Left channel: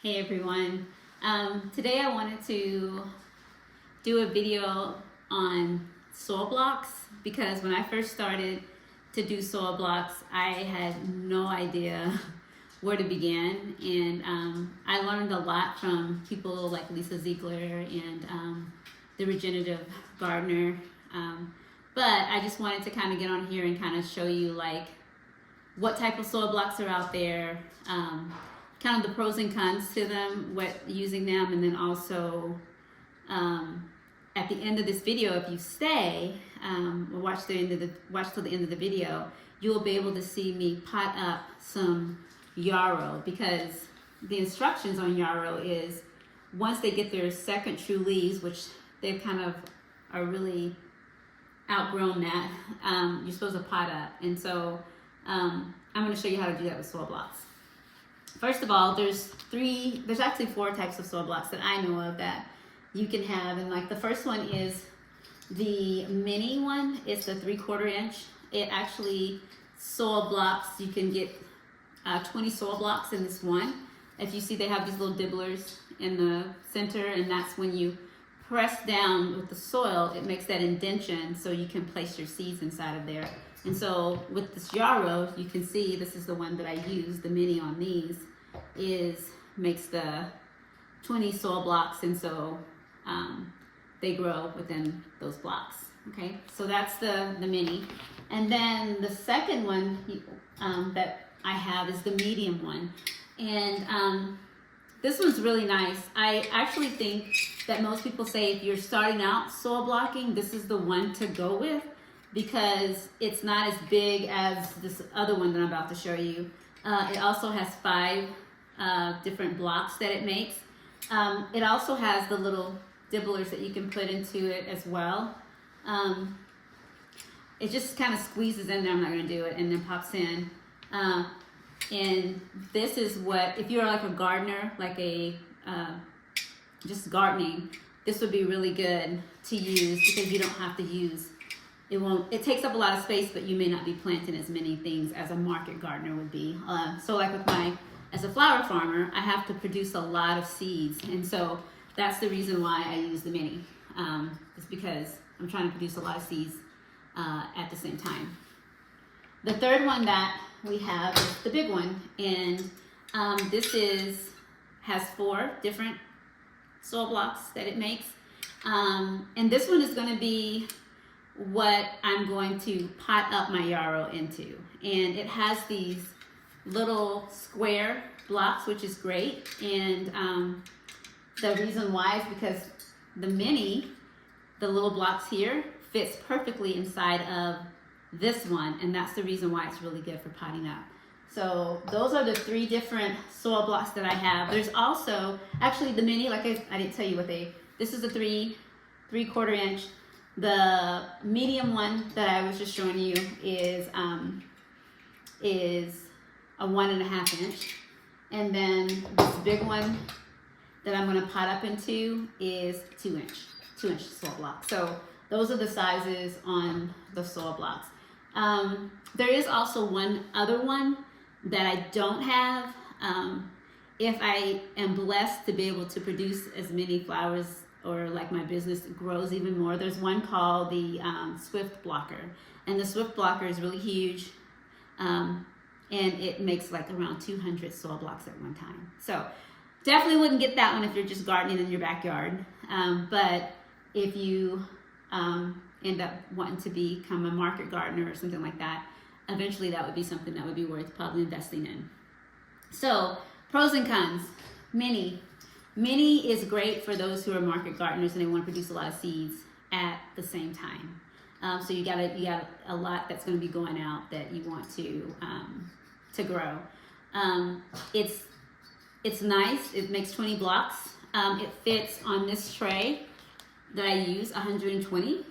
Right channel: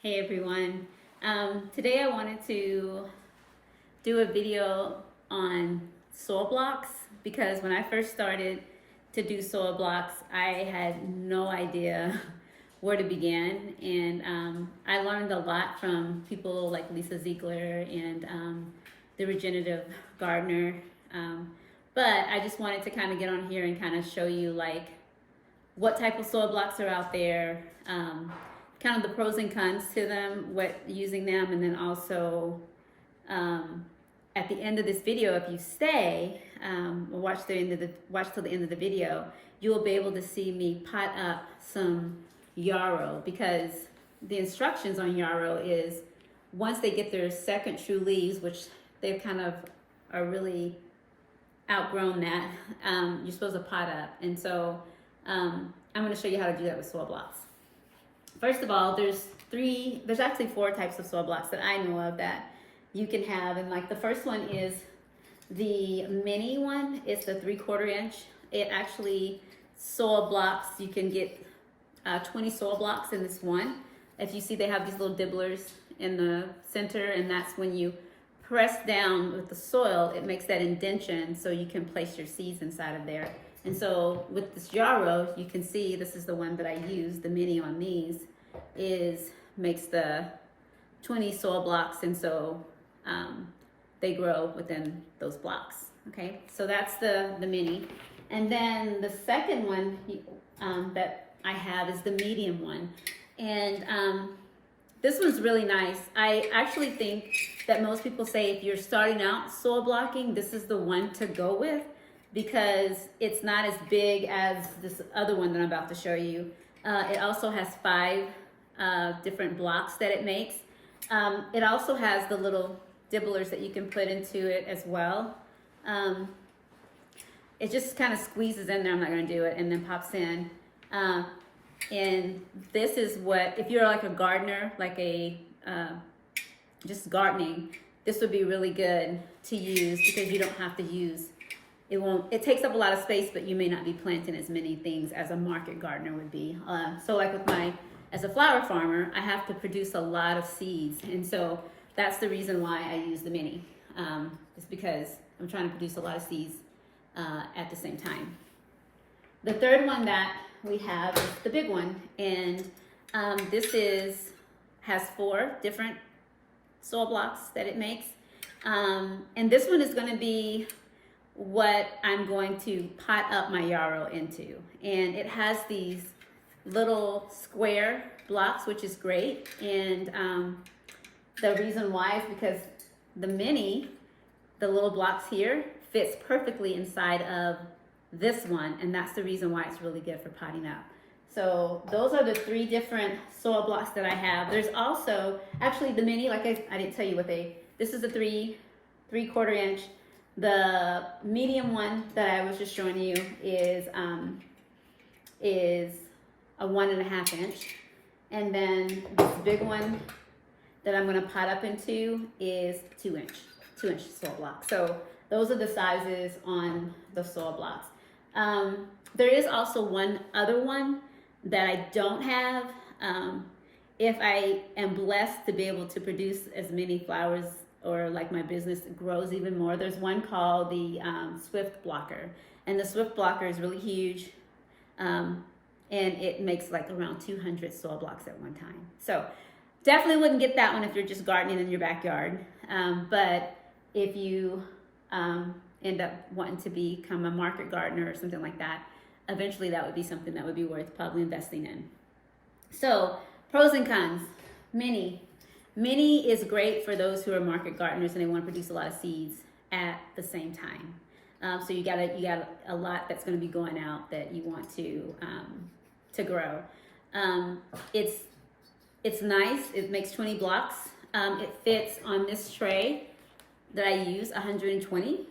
Hey everyone. Today I wanted to do a video on soil blocks because when I first started to do soil blocks, I had no idea where to begin. And I learned a lot from people like Lisa Ziegler and the regenerative gardener. But I just wanted to kind of get on here and kind of show you like what type of soil blocks are out there, kind of the pros and cons to them, what using them, and then also at the end of this video, if you stay or watch till the end of the video, you will be able to see me pot up some yarrow, because the instructions on yarrow is once they get their second true leaves, which they kind of are really outgrown that, you're supposed to pot up. And so I'm going to show you how to do that with soil blocks. First of all, there's actually four types of soil blocks that I know of that you can have. And like the first one is the mini one. It's the 3/4 inch. It actually soil blocks, you can get 20 soil blocks in this one. If you see, they have these little dibblers in the center, and that's when you press down with the soil, it makes that indentation so you can place your seeds inside of there. And so with this yarrow, you can see this is the one that I use, the mini on these, makes the 20 soil blocks, and so they grow within those blocks. Okay, so that's the mini. And then the second one that I have is the medium one. And this one's really nice. I actually think that most people say if you're starting out soil blocking, this is the one to go with, because it's not as big as this other one that I'm about to show you. It also has 5 different blocks that it makes. It also has the little dibblers that you can put into it as well. It just kind of squeezes in there, I'm not going to do it, and then pops in. And this is what, if you're like a gardener, like just gardening, this would be really good to use, because you don't have to use, it takes up a lot of space, but you may not be planting as many things as a market gardener would be. So like with as a flower farmer, I have to produce a lot of seeds. And so that's the reason why I use the mini. It's because I'm trying to produce a lot of seeds at the same time. The third one that we have is the big one, and this has 4 different soil blocks that it makes. And this one is going to be what I'm going to pot up my yarrow into. And it has these little square blocks, which is great. And the reason why is because the mini, the little blocks here, fits perfectly inside of this one, and that's the reason why it's really good for potting up. So those are the 3 different soil blocks that I have. There's also, actually the mini, like I didn't tell you this is a 3/4 inch. The medium one that I was just showing you is a 1.5 inch. And then this big one that I'm gonna pot up into is 2 inch soil block. So those are the sizes on the soil blocks. There is also one other one that I don't have. If I am blessed to be able to produce as many flowers, or like my business grows even more, there's one called the Swift Blocker. And the Swift Blocker is really huge. And it makes like around 200 soil blocks at one time. So definitely wouldn't get that one if you're just gardening in your backyard. But if you end up wanting to become a market gardener or something like that, eventually that would be something that would be worth probably investing in. So pros and cons. Mini is great for those who are market gardeners and they want to produce a lot of seeds at the same time. So you got a lot that's going to be going out that you want to grow. It's nice. It makes 20 blocks. It fits on this tray that I use, 120.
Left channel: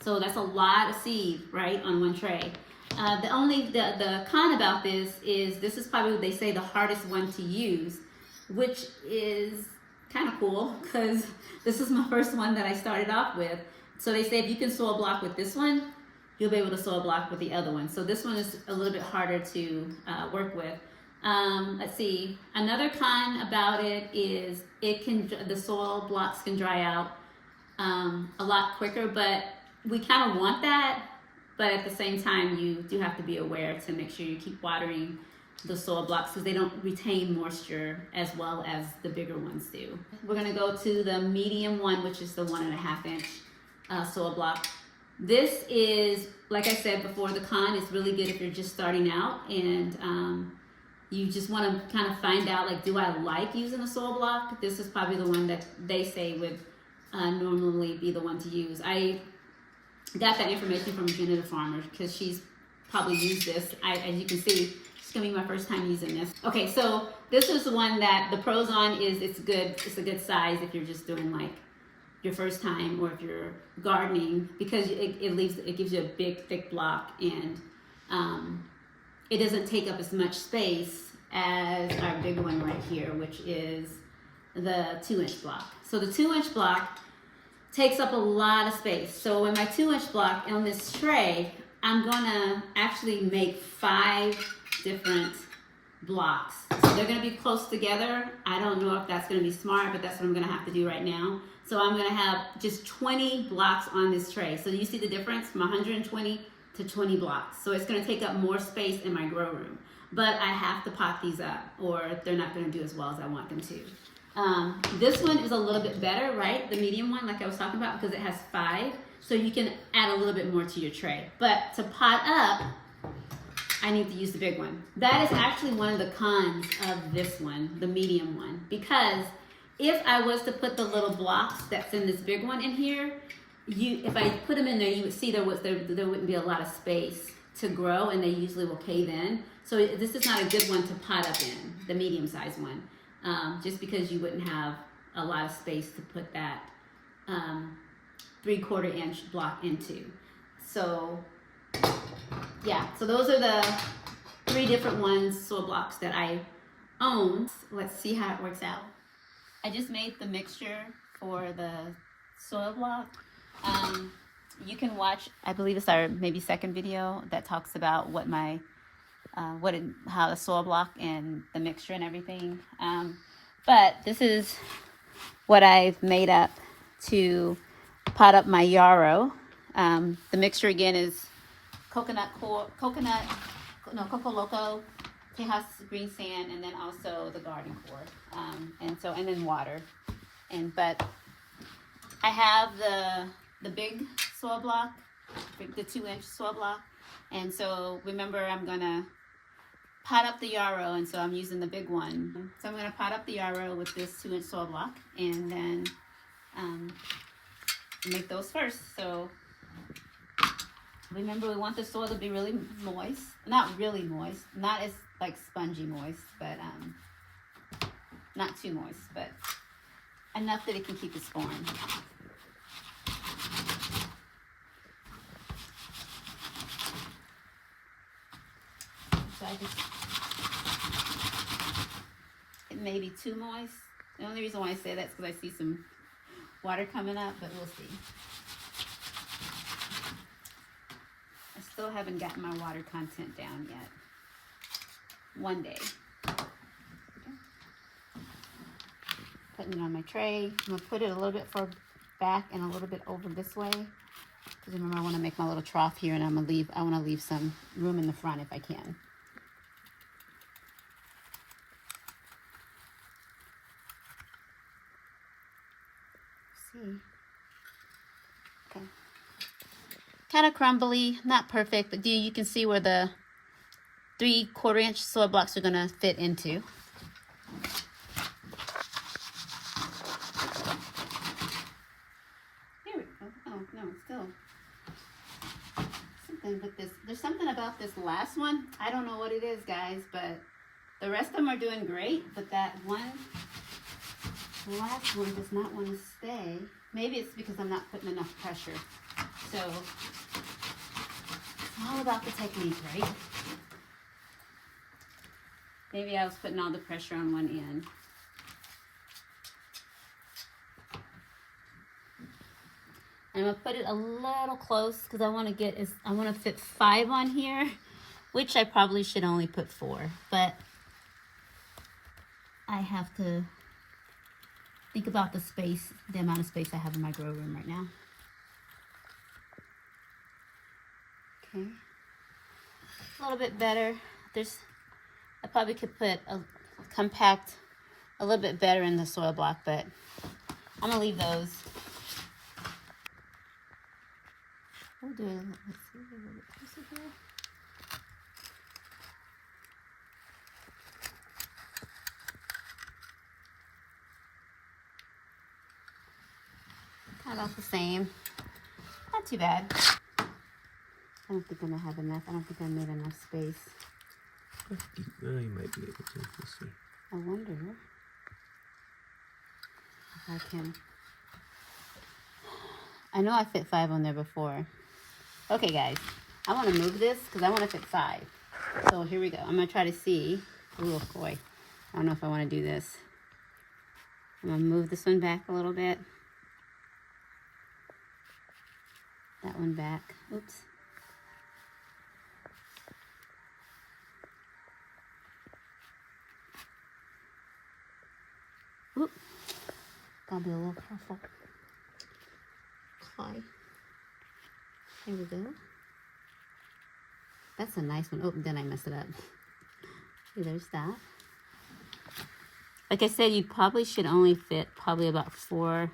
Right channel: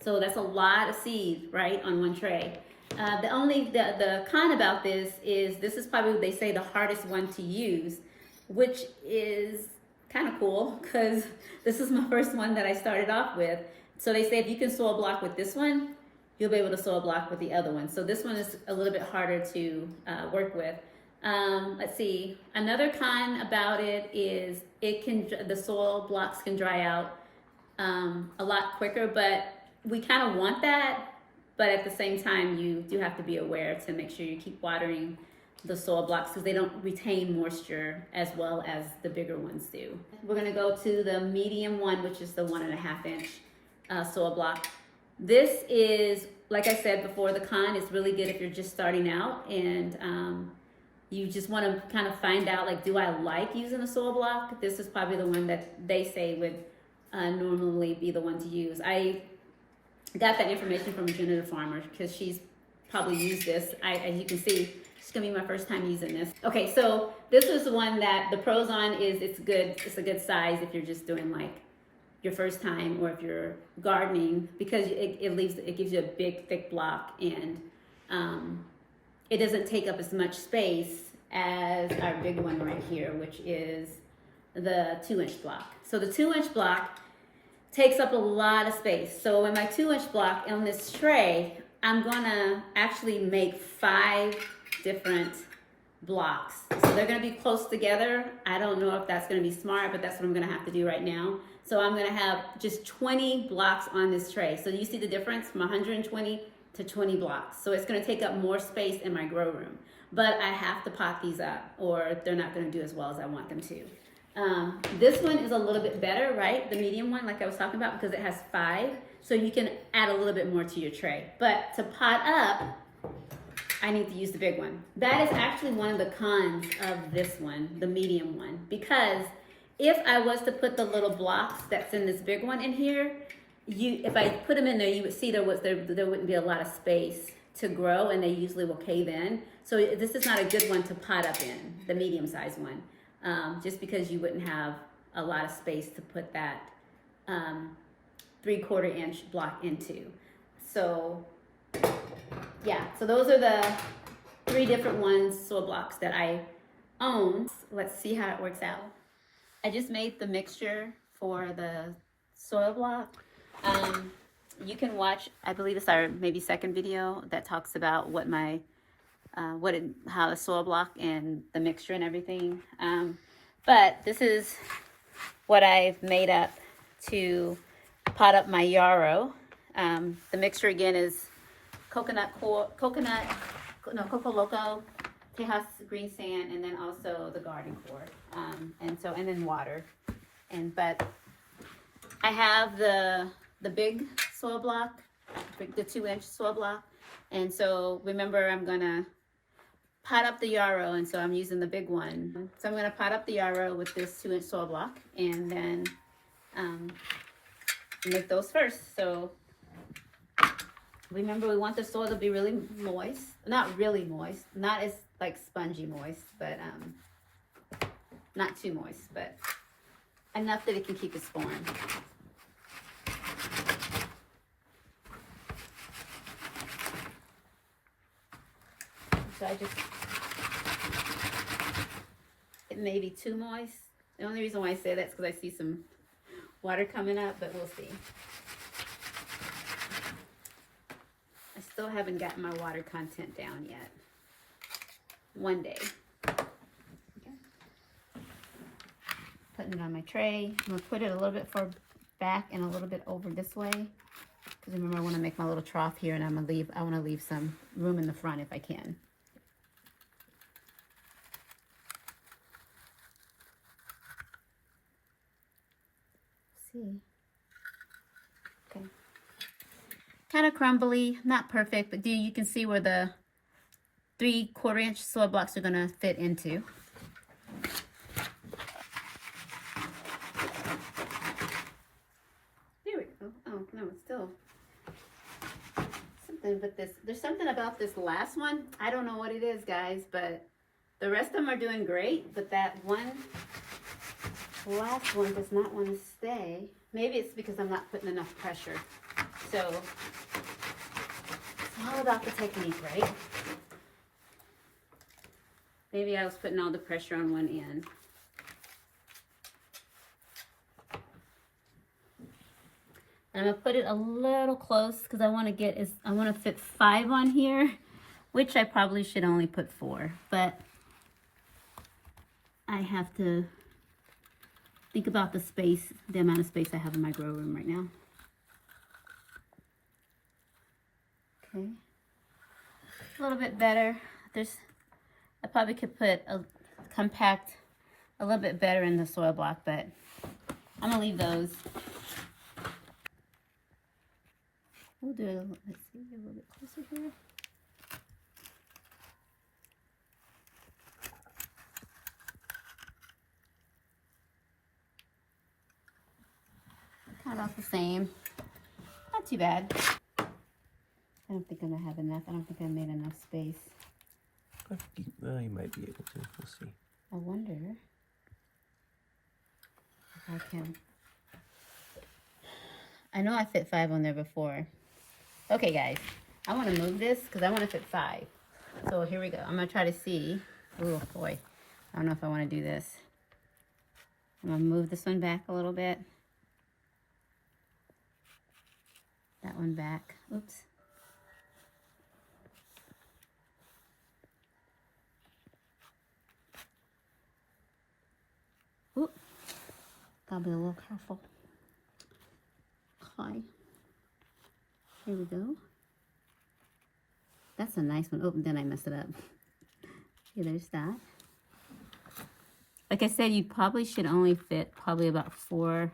So that's a lot of seed, right, on one tray. The con about this is probably, they say, the hardest one to use, which is kind of cool, because this is my first one that I started off with. So they say if you can soil block with this one, you'll be able to soil block with the other one. So this one is a little bit harder to work with. Let's see. Another con about it is the soil blocks can dry out a lot quicker, but we kind of want that. But at the same time, you do have to be aware to make sure you keep watering the soil blocks because they don't retain moisture as well as the bigger ones do. We're gonna go to the medium one, which is the 1.5 inch soil block. This is, like I said before, the con is really good if you're just starting out and you just want to kind of find out, like, do I like using a soil block? This is probably the one that they say would normally be the one to use. I got that information from a Generative Farmer because she's probably used this. As you can see, it's gonna be my first time using this. Okay, so this is the one that the pros on is it's good. It's a good size if you're just doing like your first time or if you're gardening because it gives you a big thick block and it doesn't take up as much space as our big one right here, which is the 2-inch block. So the 2-inch block takes up a lot of space. So in my 2-inch block on this tray, I'm gonna actually make 5 different blocks. So they're gonna be close together. I don't know if that's gonna be smart, but that's what I'm gonna have to do right now. So I'm gonna have just 20 blocks on this tray. So you see the difference from 120 to 20 blocks. So it's gonna take up more space in my grow room. But I have to pot these up or they're not gonna do as well as I want them to. This one is a little bit better, right? The medium one, like I was talking about, because it has 5. So you can add a little bit more to your tray. But to pot up, I need to use the big one. That is actually one of the cons of this one, the medium one, because if I was to put the little blocks that's in this big one in here, if I put them in there, you would see there wouldn't be a lot of space to grow, and they usually will cave in. So this is not a good one to pot up in, the medium-sized one, just because you wouldn't have a lot of space to put that 3/4 inch block into. So yeah, so those are the 3 different soil blocks that I own. Let's see how it works out. I just made the mixture for the soil block. You can watch, I believe it's our maybe second video that talks about what my how the soil block and the mixture and everything. But this is what I've made up to pot up my yarrow. The mixture again is Coco Loco, Tejas green sand, and then also the garden core, and then water. But I have the big soil block, the 2-inch soil block, and so remember I'm gonna pot up the yarrow, and so I'm using the big one. So I'm gonna pot up the yarrow with this 2-inch soil block, and then make those first. So remember, we want the soil to be really moist. Not really moist, not as like spongy moist, but not too moist, but enough that it can keep its form. So it may be too moist. The only reason why I say that is because I see some water coming up, but we'll see. I still haven't gotten my water content down yet. One day. Okay. Putting it on my tray. I'm going to put it a little bit far back and a little bit over this way. Because remember, I want to make my little trough here, and I want to leave some room in the front if I can. See. Okay. Kind of crumbly, not perfect, but you can see where the 3/4 inch soil blocks are going to fit into. Here we go. Oh, no, it's still something with this. There's something about this last one. I don't know what it is, guys, but the rest of them are doing great, but that last one does not want to stay. Maybe it's because I'm not putting enough pressure. So it's all about the technique, right? Maybe I was putting all the pressure on one end. And I'm gonna put it a little close because I want to fit 5 on here, which I probably should only put 4. But I have to think about the space, the amount of space I have in my grow room right now. Okay, a little bit better. I probably could put a compact a little bit better in the soil block, but I'm gonna leave those. We'll do it. Let's see, a little bit closer here. Kind of about the same. Not too bad. I don't think I'm gonna have enough. I don't think I made enough space. I think you might be able to. We'll see. I wonder if I can. I know I fit 5 on there before. Okay, guys, I want to move this because I want to fit 5. So here we go. I'm gonna try to see. Oh boy, I don't know if I want to do this. I'm gonna move this one back a little bit. That one back. Oops. Oop. Gotta be a little careful. Okay. Here we go. That's a nice one. Oh, then I messed it up. Okay, there's that. Like I said, you probably should only fit probably about 4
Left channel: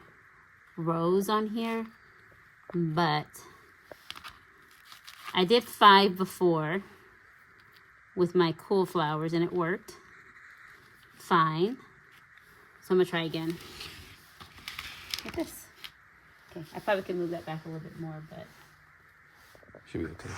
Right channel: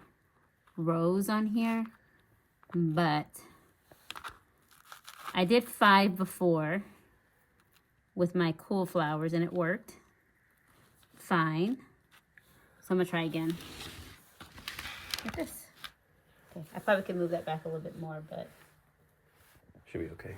rows on here, but I did 5 before with my cool flowers and it worked fine. So I'm gonna try again like this. Okay, I probably can move that back a little bit more, but should be okay.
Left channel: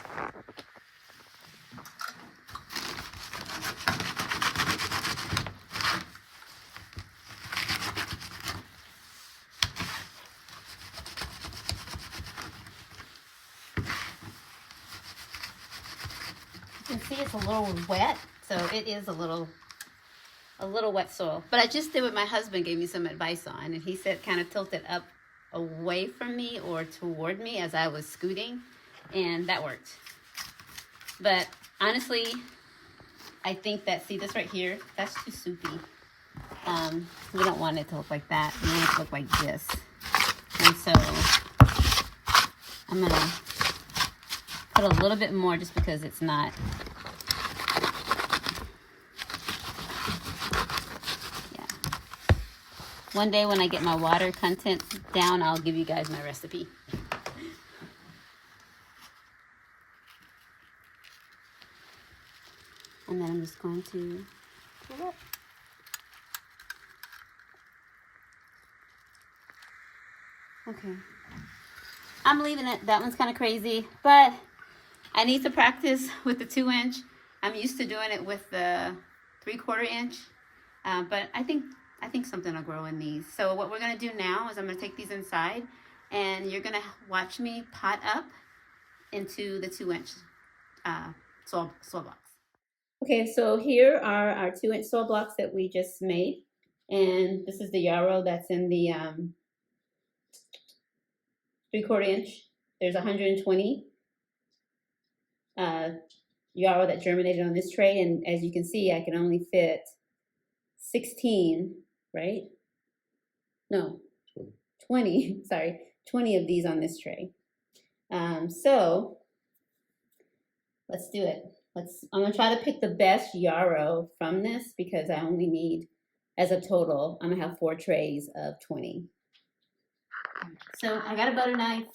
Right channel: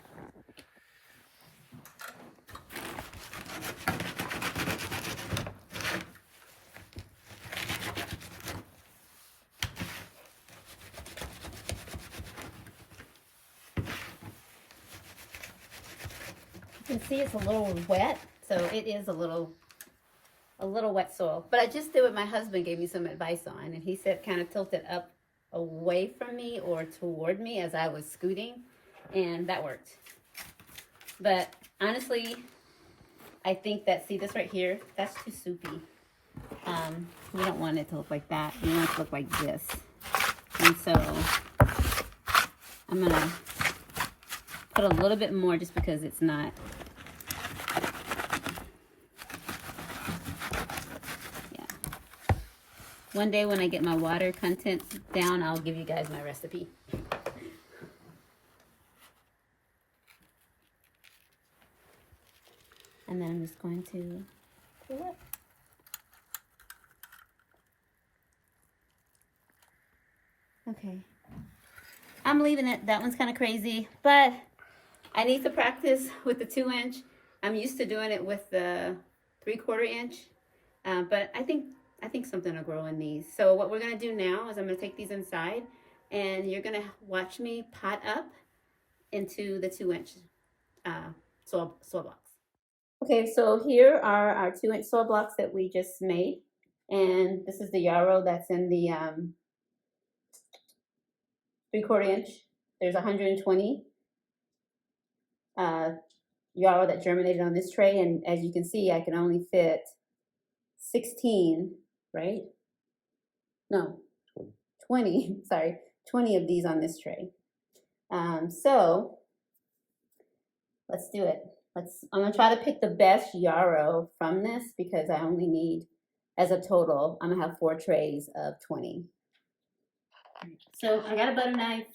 you can see it's a little wet, so it is a little wet soil. But I just did what my husband gave me some advice on, and he said kind of tilt it up away from me or toward me as I was scooting, and that worked. But honestly, I think that, see this right here, that's too soupy. We don't want it to look like that. We want it to look like this. And so I'm gonna put a little bit more just because it's not. Yeah. One day when I get my water content down, I'll give you guys my recipe. And then I'm just going to pull up. Okay. I'm leaving it. That one's kind of crazy, but I need to practice with the 2-inch. I'm used to doing it with the 3/4 inch, but I think something will grow in these. So what we're gonna do now is I'm gonna take these inside, and you're gonna watch me pot up into the 2-inch soil blocks. Okay, so here are our 2-inch soil blocks that we just made, and this is the yarrow that's in the 3/4 inch. There's 120 yarrow that germinated on this tray, and as you can see, I can only fit 16, right? No, 20, sorry, 20 of these on this tray. So let's do it. I'm gonna try to pick the best yarrow from this because I only need, as a total, I'm gonna have 4 trays of 20. So I got a butter knife.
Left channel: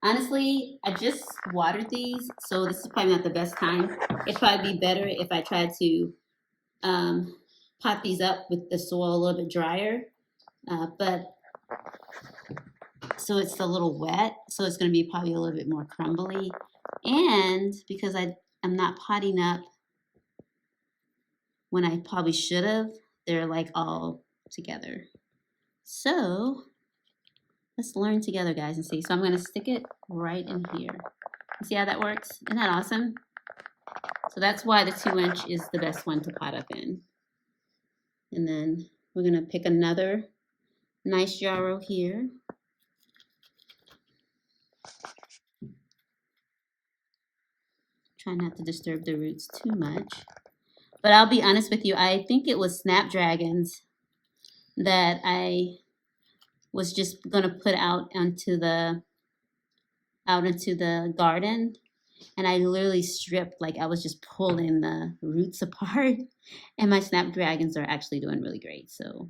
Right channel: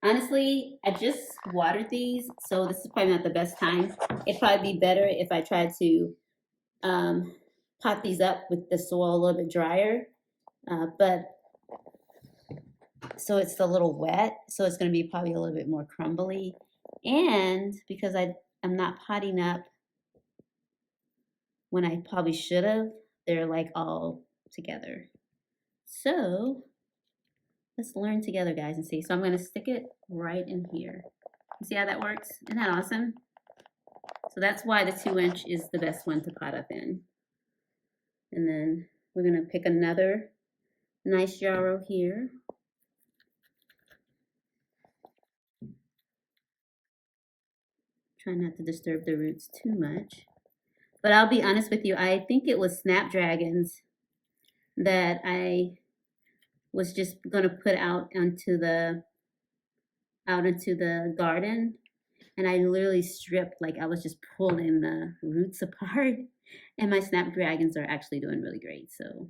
Honestly, I just watered these, so this is probably not the best time. It'd probably be better if I tried to pot these up with the soil a little bit drier. But so it's a little wet, so it's going to be probably a little bit more crumbly. And because I'm not potting up when I probably should have, they're like all together. So let's learn together, guys, and see. So I'm going to stick it right in here. See how that works? Isn't that awesome? So that's why the 2-inch is the best one to pot up in. And then we're going to pick another nice yarrow here. Try not to disturb the roots too much. But I'll be honest with you, I think it was snapdragons that I was just gonna put out into the garden, and I literally stripped, like I was just pulling the roots apart, and my snapdragons are actually doing really great. So,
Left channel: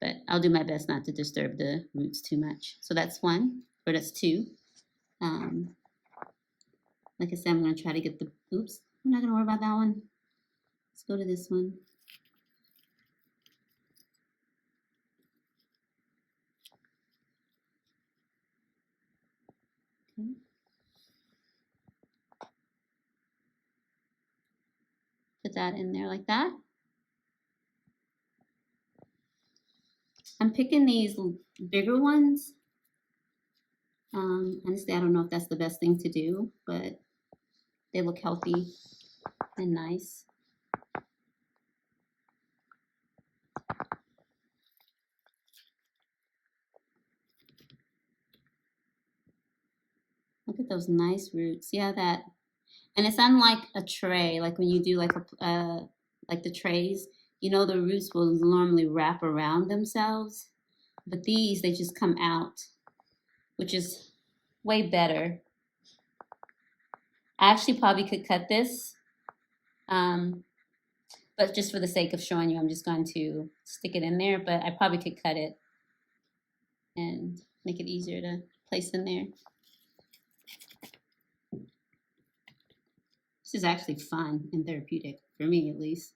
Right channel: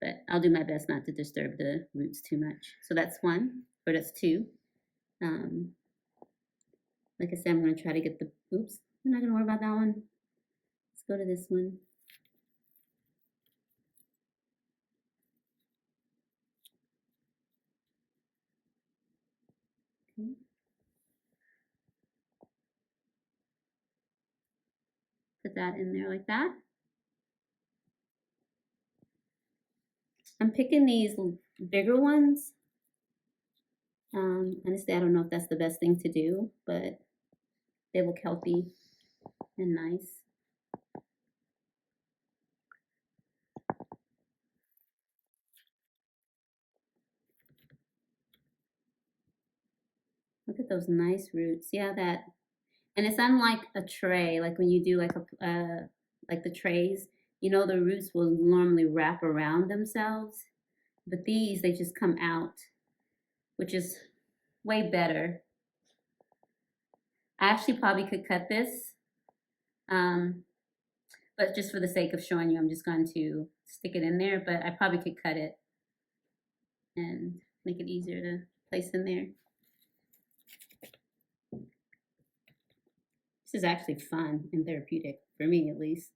but I'll do my best not to disturb the roots too much. So that's one, or that's two. Um, like I said, I'm gonna try to get the. Oops, I'm not gonna worry about that one. Let's go to this one. Okay. Put that in there like that. I'm picking these bigger ones. Honestly, I don't know if that's the best thing to do, but they look healthy and nice. Look at those nice roots. Yeah, that, and it's unlike a tray. Like when you do like the trays, you know, the roots will normally wrap around themselves, but these, they just come out, which is way better. I actually probably could cut this, but just for the sake of showing you, I'm just going to stick it in there, but I probably could cut it and make it easier to place in there. This is actually fun and therapeutic, for me at least.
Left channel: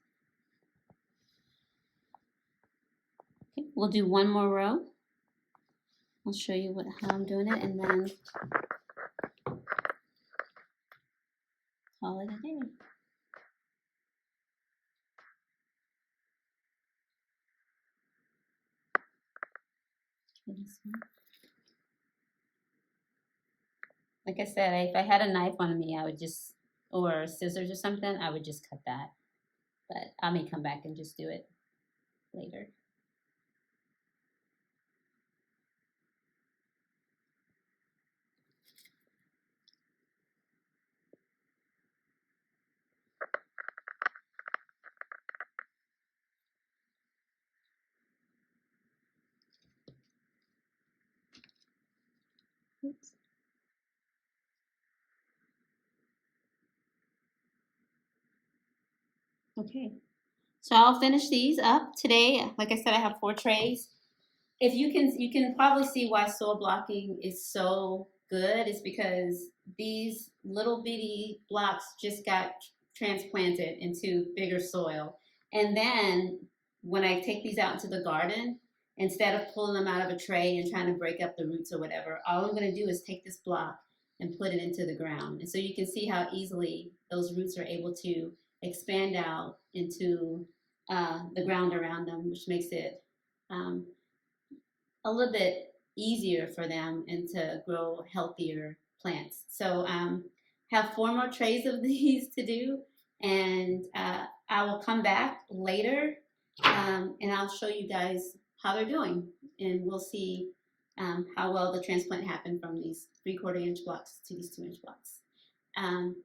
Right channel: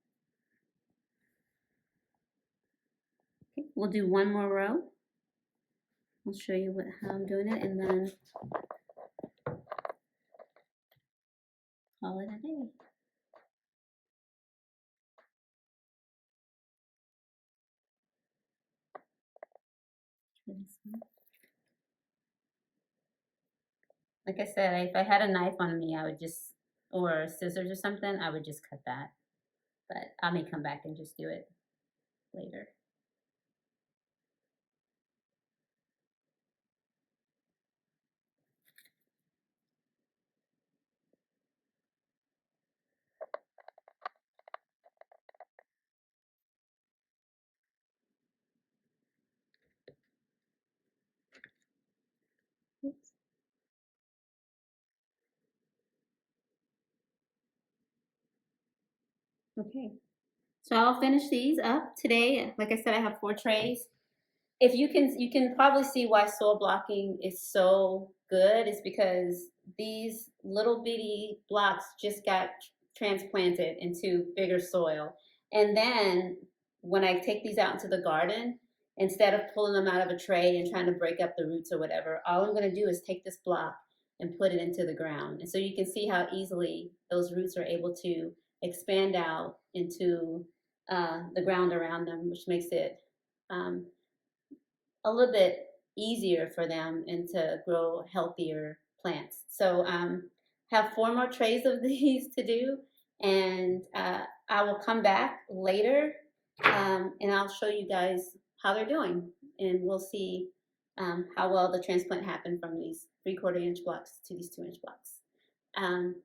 Okay, we'll do one more row. I'll show you how I'm doing it, and then call it a day. Like I said, if I had a knife on me, I would just, or scissors or something, I would just cut that. But I may come back and just do it later. Oops. Okay, so I'll finish these up today. Like I said, I have 4 trays. If you can probably see why soil blocking is so good is because these little bitty blocks just got transplanted into bigger soil. And then when I take these out into the garden, instead of pulling them out of a tray and trying to break up the roots or whatever, all I'm going to do is take this block and put it into the ground. And so you can see how easily those roots are able to expand out into the ground around them, which makes it um, a little bit easier for them and to grow healthier plants. So have 4 more trays of these to do, and I will come back later and I'll show you guys how they're doing, and we'll see how well the transplant happened from these 3/4 inch blocks to these 2 inch blocks.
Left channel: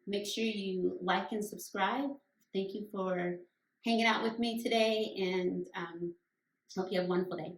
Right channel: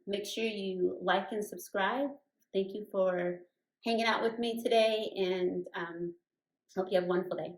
Make sure you like and subscribe. Thank you for hanging out with me today, and hope you have a wonderful day.